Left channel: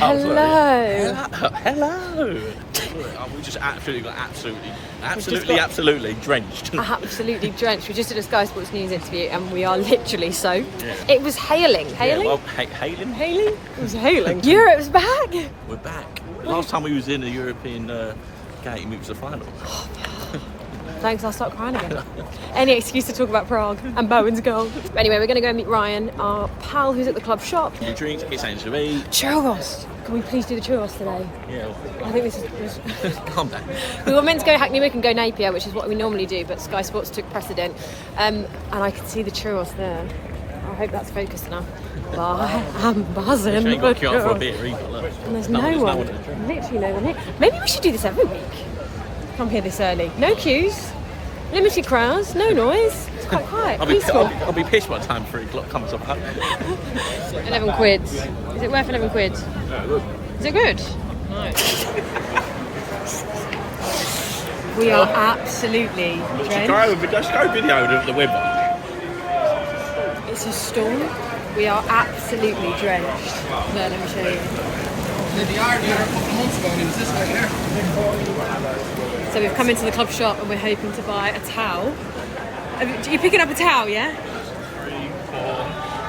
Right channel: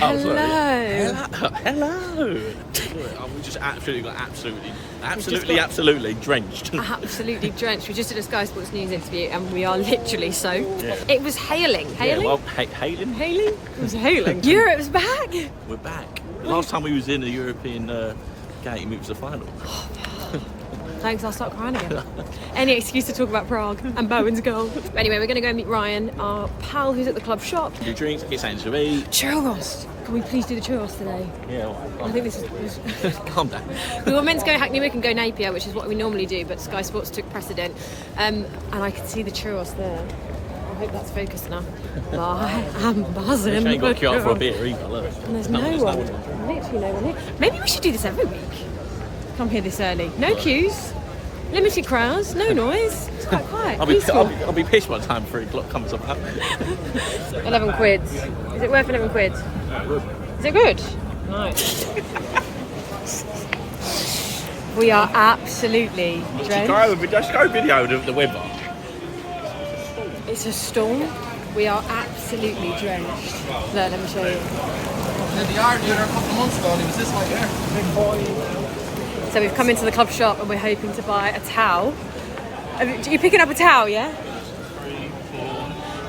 Hello. Hello. We just absolutely drenched. Absolutely drenched. We just did a Sky Sports News interview and we are literally soaked. Yeah. It was hailing. Hailing? Yeah, well, hailing? Hailing? It was hailing. Europe's back. We're back. Last time we was in a European game, it was the final. Thanks, I'll start crying again. Any excuse to talk about Prague and Bowen's goal. But anyway, we're going to go and meet Ryan, our pal who's at the club shop. Your drinks, get something to eat. Churros. Can we please do the churros today? Yeah. Well, I think this is... Calm down. We were meant to go Hackney Wick and go Napier, which is what we normally do, but Sky Sports took precedent. And I can see the churros there. I hope that's focused enough. But I am buzzing. You ain't got to queue up for a beer either, look. And there's no one. Literally no one here. Maybe we should do this every week. Come here this early. No queues. Limited crowds, no noise. It's quite quiet. I'll be pissed by the time 3 o'clock comes up. 11 quid. Is it worth 11 quid? Yeah, good. Is it good? Nice. We are absolutely drenched. Just go video of the weather. It's a storm. We are absolutely drenched. Look, let me show you. The yard here a couple of months ago and it was this way here. So we've come into the club shop and we're hoping to buy a towel. You're picking up a towel, yeah?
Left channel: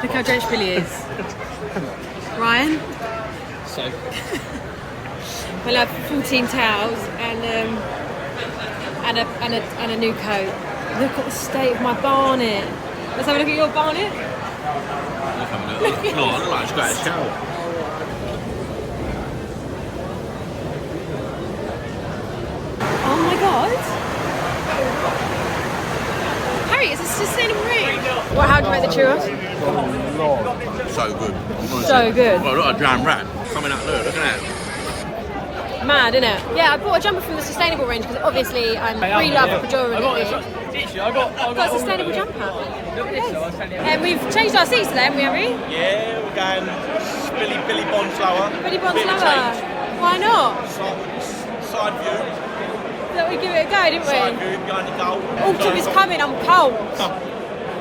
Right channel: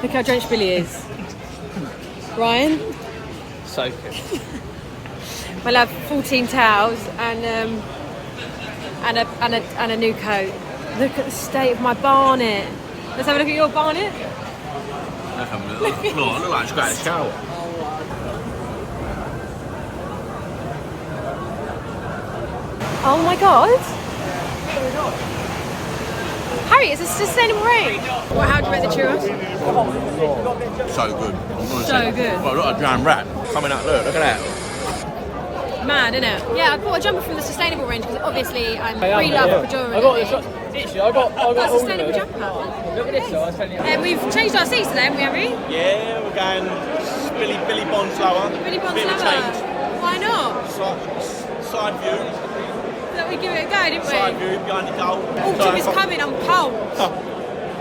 Look how drenched Billy is. Ryan? So. We'll have 14 towels and a new coat. Look at the state of my barnet. Let's have a look at your barnet. No, I look like I just got a shower. Oh my god! Harry, it's a sustainable range. Well, how do you rate the churros? So good. So good. Well, look at a dram wrap coming up. Look at that. Mad, isn't it? Yeah, I bought a jumper from the sustainable range because obviously I'm pre-loved pejoratively. I've got a sustainable jumper. And we've changed our seats today, haven't we, Harry? Yeah, we're going Billy Bond slower. Billy Bond slower. Why not? Side view. Thought we'd give it a go, didn't we? Side view, behind the goal. Autumn is coming, I'm cold.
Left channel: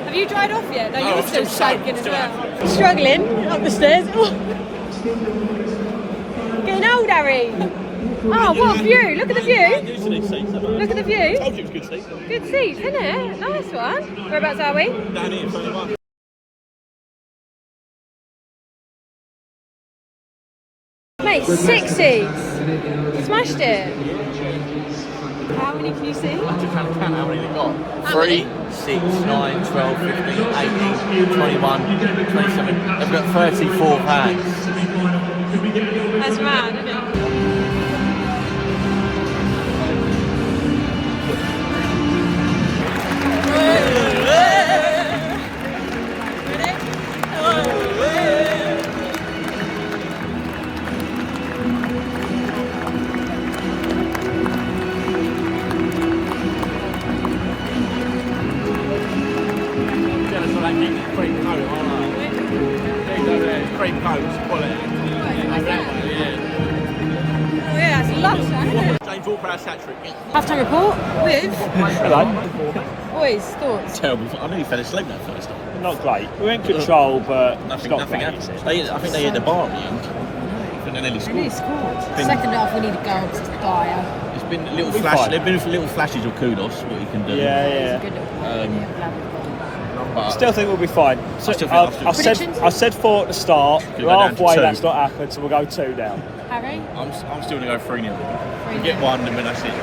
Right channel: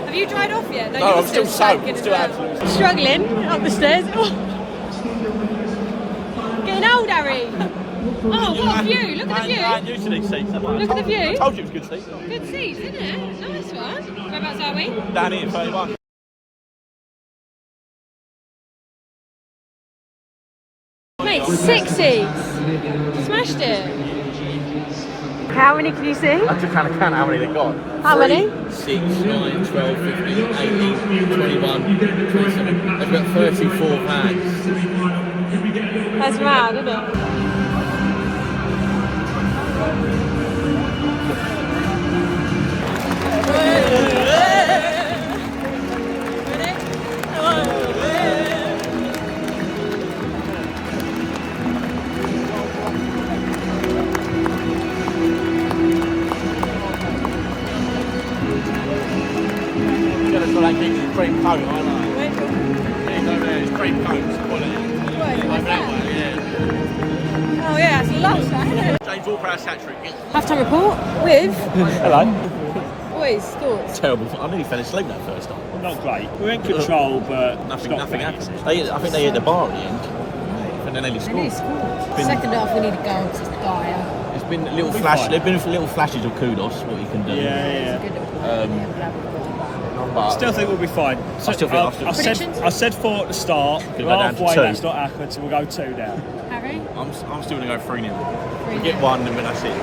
Have you dried off yet? No, you're still soaking as well. Struggling up the stairs. Getting old, Harry. Oh, what a view! Look at the view. Look at the view. I told you it was good seats. Good seats, isn't it? Nice one. Whereabouts are we? Down here, 31. Mate, 6 seats. Smashed it. How many can you see? I'm just trying to count how many they've got. How 3, many? 6, 9, 12, 15, 18, 21, 27. They've got 34 fans. That's mad, isn't it? Oh yeah, it's lush, isn't it? James Ward-Prowse hat-trick. Half-time report with... Hello. Boys, thoughts? Terrible. I nearly fell asleep that first time. Not great. We went to control, but Nothing happened. I think they hit the bar at the end. And then they scored. Second half, they need a goal to dire. It's been a little flash. There've been little flashes of kudos, what you can do. yeah. Good little But Still think we'll be fine. So, still think I said 4 at the start. We're Halfway, down to 2. that's not happened, so we'll go 2 down. Harry? I'm still going to go 3-0. We get 1 and then that's it.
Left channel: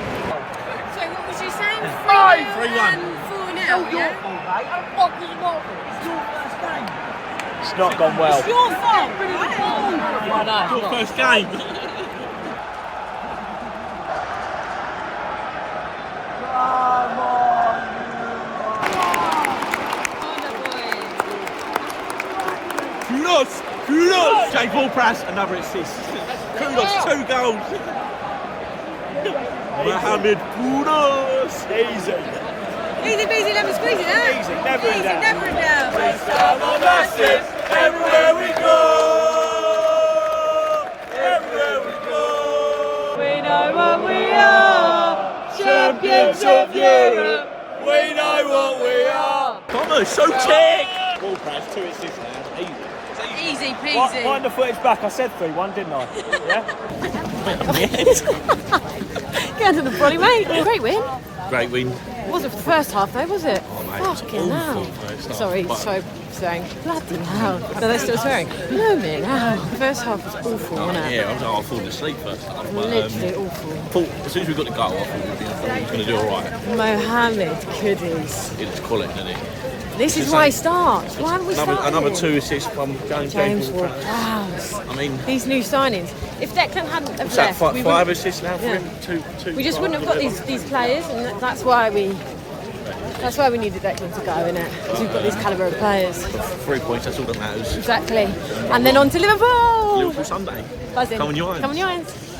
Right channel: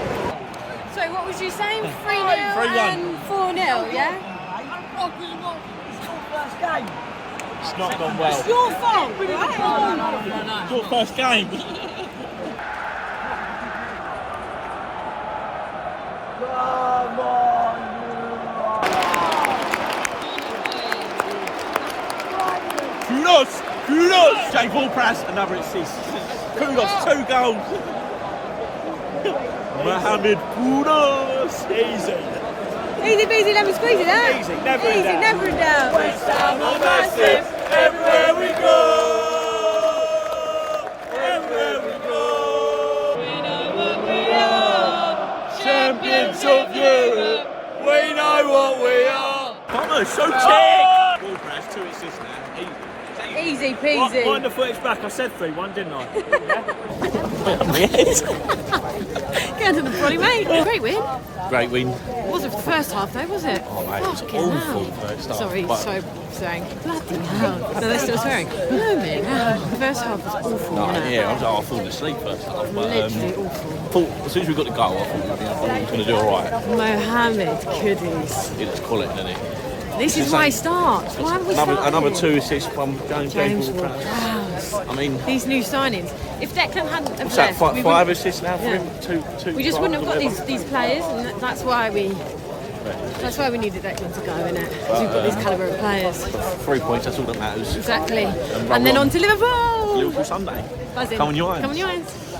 So what was you saying? 3-0 3-1. and 4-0, yeah? It's not gone well. It's your fault, right? Your first game. Kudos! James Ward-Prowse, another assist. Kudos, 2 goals. Mohamed Kudos. Easy peasy, lemon squeezy, eh? Easy, never in doubt. Never in doubt. Everywhere we go. Everywhere we go. We know what we are. Champions of Europe. We know what we are. Bomber, so check. Ward-Prowse, 2 assists now. Easy. Easy peasy. Wind the footage back. I said 3-1, didn't I? Yeah. Get under the brolly, mate. Great win. Great win. It wasn't for the first half though, was it? Oh, mate, it was Fucking hell. awful first half, Sorry, but- so swearing. Bloody hell. No, they're still swearing. Blooming hell. The first half was awful, wasn't it? Yeah, I falling asleep first half. But, Literally awful. thought, as soon as we got the goal, I thought we were going to do all right. Mohammed Kudus. It's quality, isn't it? This is why he starts. Why haven't we started? Another 2 assists from James Ward. Wow. I mean, These new signings. If Declan hadn't have what's that, left, we 5 wouldn't- assists now for Yeah. him? Two we just wouldn't have got tries, these players, and that's why we needed Declan to go, innit? Because we've got these calibre of players. 3 points, that's all that matters. Exactly. And then on to Liverpool. Liverpool Sunday. Buzzing. Come on, your Come on, your hands.